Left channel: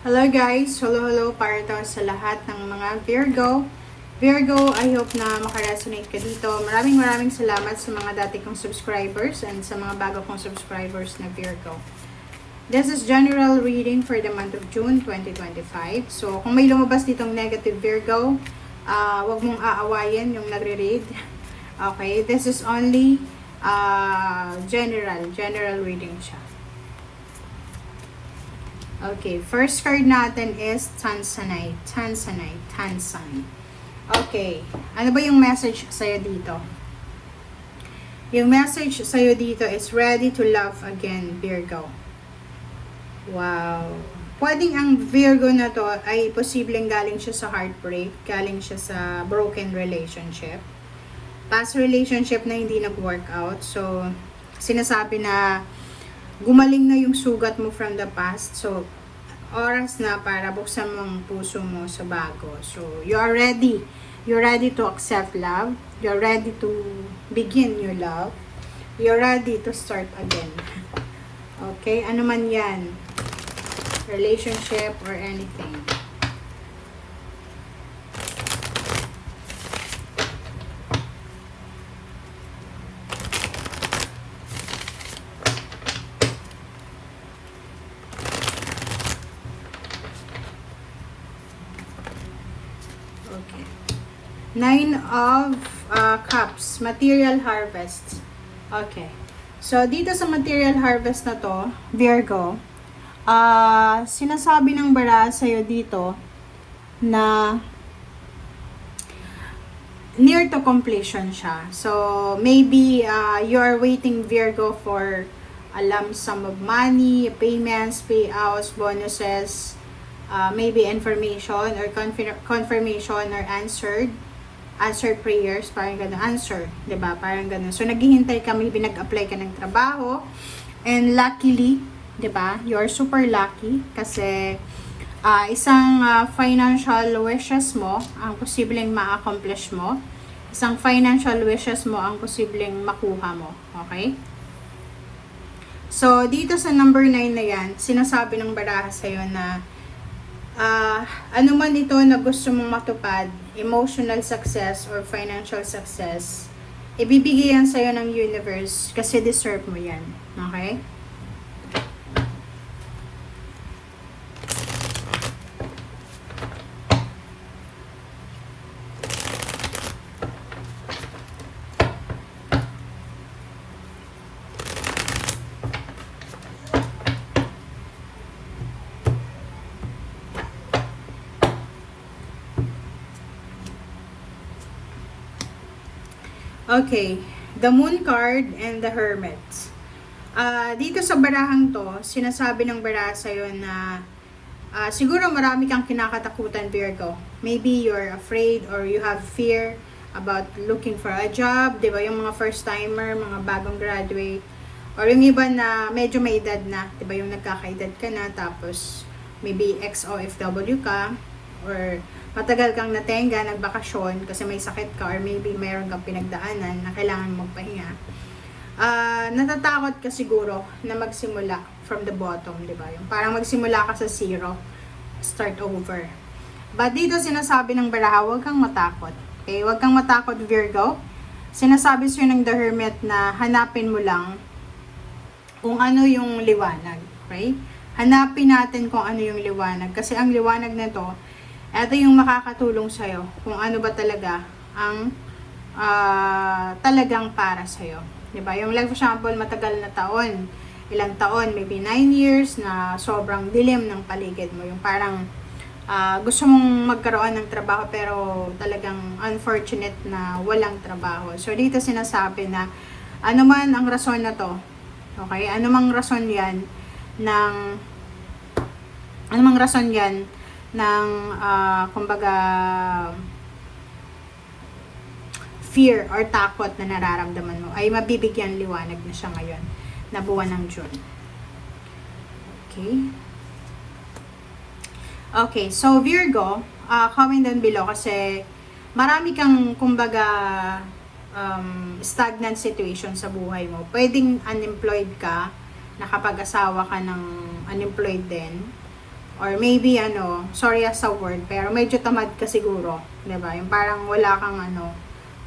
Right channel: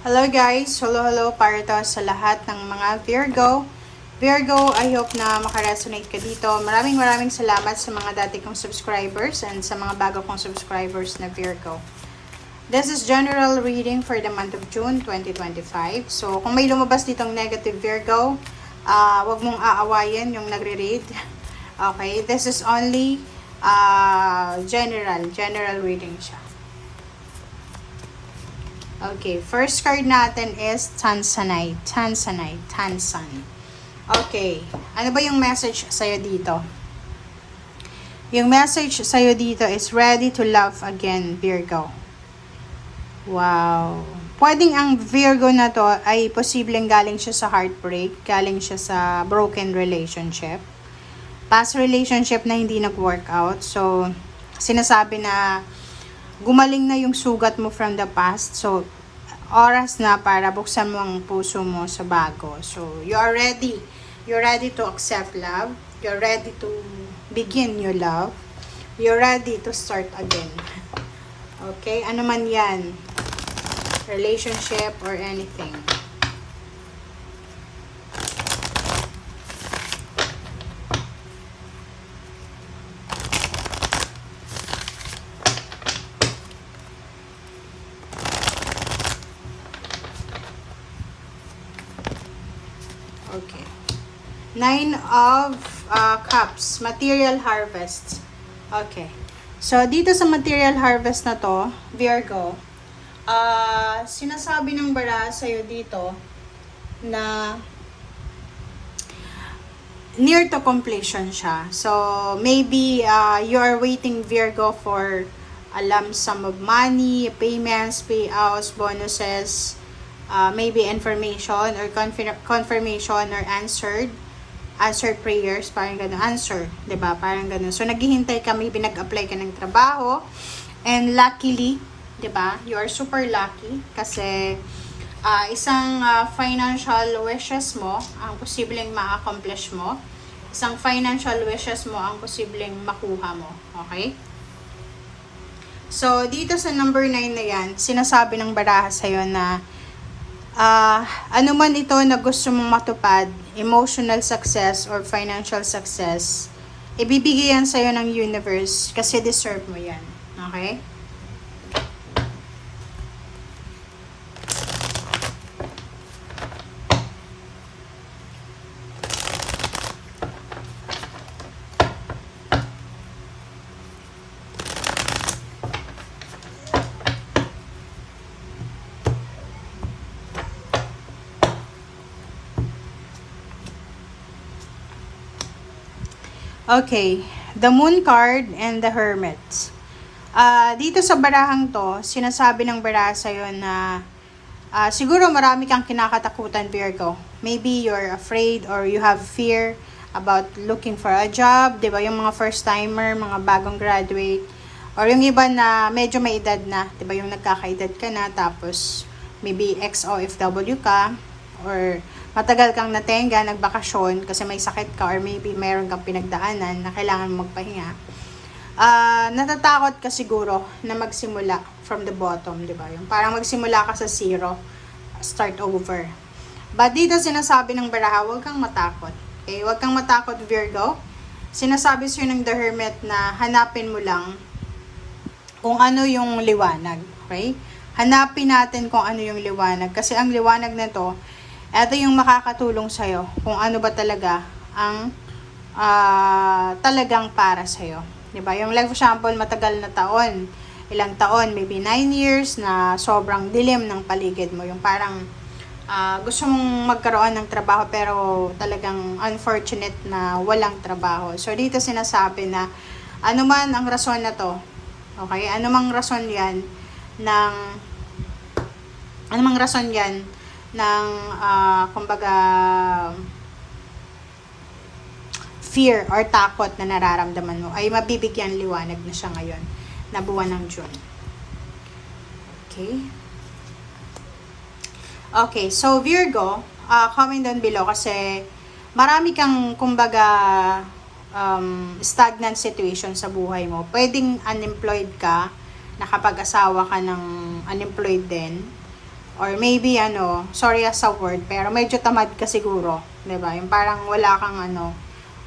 Hello guys! Hello para to sa lahat ng mga Virgo. Virgo, I hope na makaresonate ka dito. Maraming salamat sa mga dati kong subscribers and sa mga bago kong subscribers na Virgo. This is general reading for the month of June 2025. So, kung may lumabas ditong negative Virgo, wag mong aawayin yung nagre-read. Okay, this is only general reading siya. Okay, first card natin is Tanzanite. Okay, ano ba yung message sa'yo dito? Yung message sa'yo dito is ready to love again, Virgo. Wow. Pwedeng ang Virgo na to ay posibleng galing siya sa heartbreak, galing siya sa broken relationship, past relationship na hindi nag-work out. So, sinasabi na gumaling na yung sugat mo from the past. So, oras na para buksan mo ang puso mo sa bago. So, you are ready. You're ready to accept love. You're ready to begin new love. You're ready to start again. Okay? Ano man yan. Relationship or anything. Okay. 9 of Cups. Material harvest. Okay. So, dito sa material harvest na to, Virgo, sinasabi ng bara sa'yo dito na near to completion siya. So, maybe you are waiting, Virgo, for a lump sum of money, payments, payouts, bonuses, maybe information or confirmation or answered prayers, parang gano'n, answer, 'di ba? Parang gano'n. So naghihintay ka, maybe nag-apply ka ng trabaho, and luckily, 'di ba? You are super lucky kasi isang financial wishes mo ang posibleng ma-accomplish mo. Isang financial wishes mo ang posibleng makuha mo, okay? So dito sa number 9 na 'yan, sinasabi ng baraha sa'yo na ano man ito na gusto mong matupad, emotional success or financial success, ibibigay yan sa'yo ng universe kasi deserve mo yan. Okay? Okay, the Moon card and the Hermit. Dito sa barahang to, sinasabi ng baraha sa'yo na siguro marami kang kinakatakutan, Virgo. Maybe you're afraid or you have fear about looking for a job, di ba? Yung mga first-timer, mga bagong graduate, or yung iba na medyo may edad na, di ba? Yung nagkakaedad ka na, tapos maybe ex-OFW ka, or matagal kang natenga, nagbakasyon kasi may sakit ka or maybe mayroon kang pinagdaanan na kailangan magpahinga. Natatakot ka siguro na magsimula from the bottom, di ba? Yung parang magsimula ka sa zero, start over. But dito sinasabi ng baraha, huwag kang matakot. Okay? Huwag kang matakot, Virgo. Sinasabi sa'yo ng The Hermit na hanapin mo lang kung ano yung liwanag. Okay? Hanapin natin kung ano yung liwanag. Kasi ang liwanag na to, ito yung makakatulong sa'yo kung ano ba talaga ang talagang para sa'yo. Diba? Yung like for example, matagal na taon, ilang taon, maybe 9 years na sobrang dilim ng paligid mo. Yung parang gusto mong magkaroon ng trabaho pero talagang unfortunate na walang trabaho. So dito sinasabi na ano man ang rason na to, okay? Ano mang rason yan ng kumbaga fear or takot na nararamdaman mo ay mabibigyan liwanag na siya ngayon na buwan ng June. Okay, so Virgo, comment down below kasi marami kang kumbaga stagnant situation sa buhay mo. Pwedeng unemployed ka, nakapag-asawa ka ng unemployed din, Or maybe sorry sa word, pero medyo tamad ka siguro, 'di ba? Yung parang wala kang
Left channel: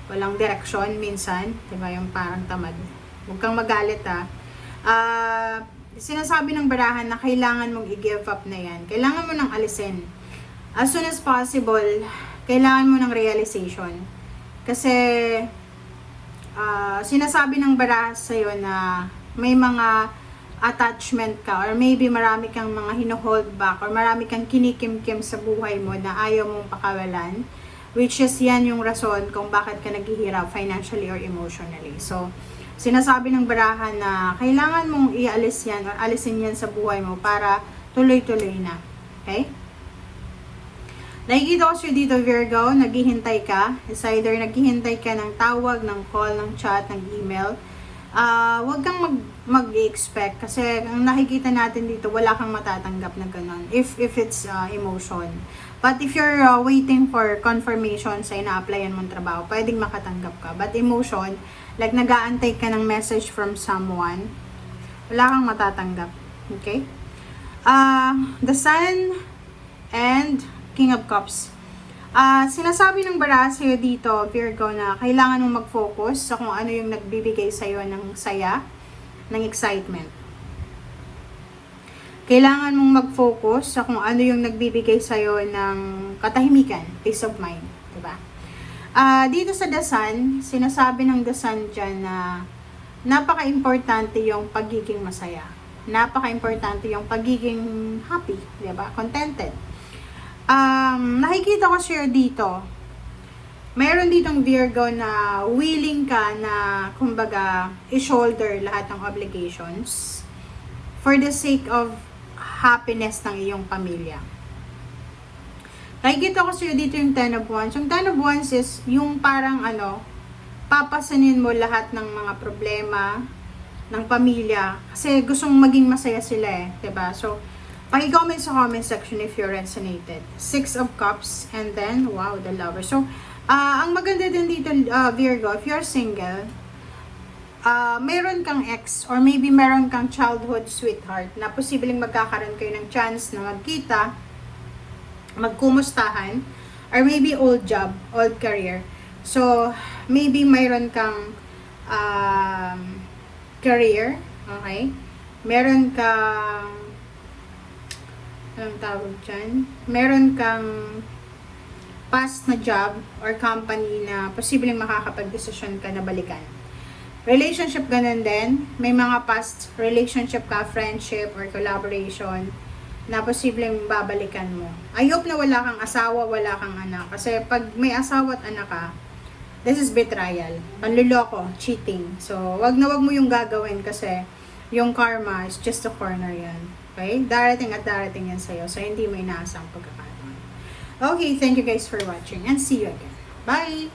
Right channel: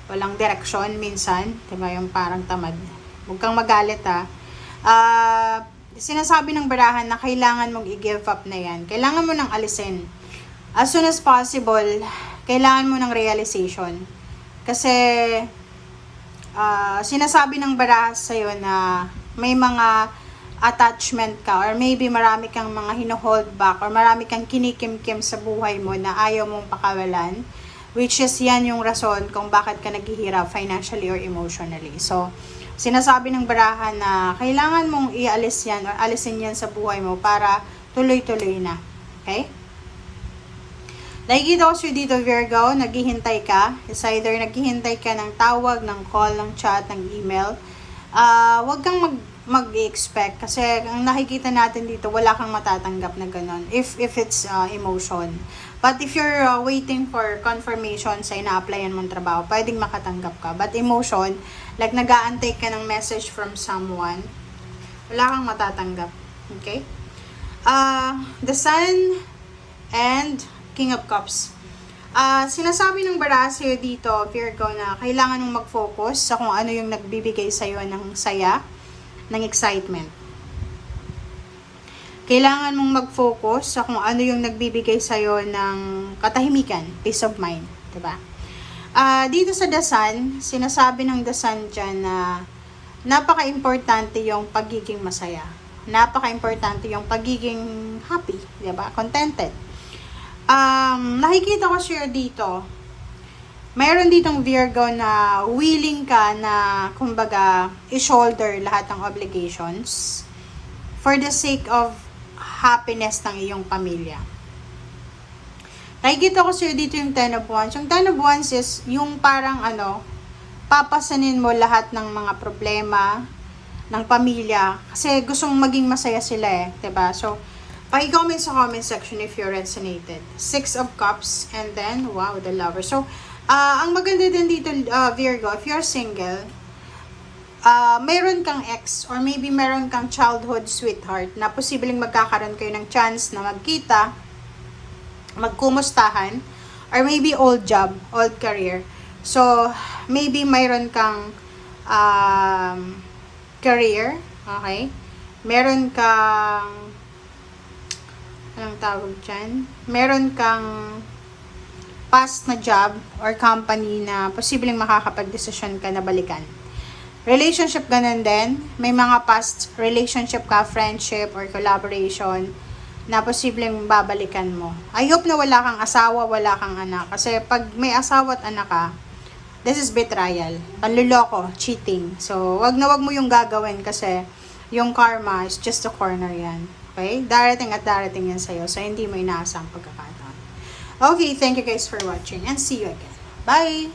walang direksyon minsan, 'di ba? Yung parang tamad. Huwag kang magalit sinasabi ng barahan na kailangan mong i-give up na 'yan. Kailangan mo nang alisin. As soon as possible, kailangan mo ng realization. Kasi sinasabi ng barahan sa'yo na may mga attachment ka or maybe marami kang mga hino-hold back or marami kang kinikimkim sa buhay mo na ayaw mong pakawalan, which is yan yung rason kung bakit ka naghihirap financially or emotionally. So, sinasabi ng barahan na kailangan mong ialis yan or alisin yan sa buhay mo para tuloy-tuloy na. Okay? Nakikita ko sa'yo dito, Virgo, naghihintay ka. It's either naghihintay ka ng tawag, ng call, ng chat, ng email. Huwag kang mag-expect kasi ang nakikita natin dito, wala kang matatanggap na ganon if it's emotion. But if you're waiting for confirmation sa ina-applyan mong trabaho, pwedeng makatanggap ka. But emotion, like nag-aantay ka ng message from someone, wala kang matatanggap. Okay? The Sun and King of Cups. Sinasabi ng baraha sa'yo dito, Virgo, na kailangan mong mag-focus sa kung ano yung nagbibigay sa'yo ng saya, ng excitement. Kailangan mong mag-focus sa kung ano yung nagbibigay sa'yo ng katahimikan, peace of mind. Diba? Dito sa The Sun, sinasabi ng The Sun dyan na napaka-importante yung pagiging masaya. Napaka-importante yung pagiging happy, diba? Contented. Nakikita ko siya dito. Mayroon ditong Virgo na willing ka na, kumbaga, i-shoulder lahat ng obligations for the sake of happiness ng iyong pamilya. Nakikita ko siya dito yung Ten of Wands. Yung Ten of Wands is yung parang papasanin mo lahat ng mga problema ng pamilya kasi gustong maging masaya sila diba? So, paki-comment sa comment section if you resonated. Six of Cups and then, wow, the Lover. So, ang maganda din dito, Virgo, if you're single, mayroon kang ex or maybe meron kang childhood sweetheart na posibleng magkakaroon kayo ng chance na magkita, magkumustahan, or maybe old job, old career. So, maybe mayroon kang career, okay? Meron kang anong tawag dyan? Meron kang past na job or company na posibleng makakapag-desisyon ka na balikan. Relationship, ganun din. May mga past relationship ka, friendship or collaboration na posibleng babalikan mo. I hope na wala kang asawa, wala kang anak. Kasi pag may asawa at anak ka, this is betrayal. Panluloko, cheating. So, wag na wag mo yung gagawin kasi yung karma is just a corner yan. Okay? Darating at darating yan sa'yo. So, hindi mo inaasang pagkakataon. Okay, thank you guys for watching and see you again. Bye!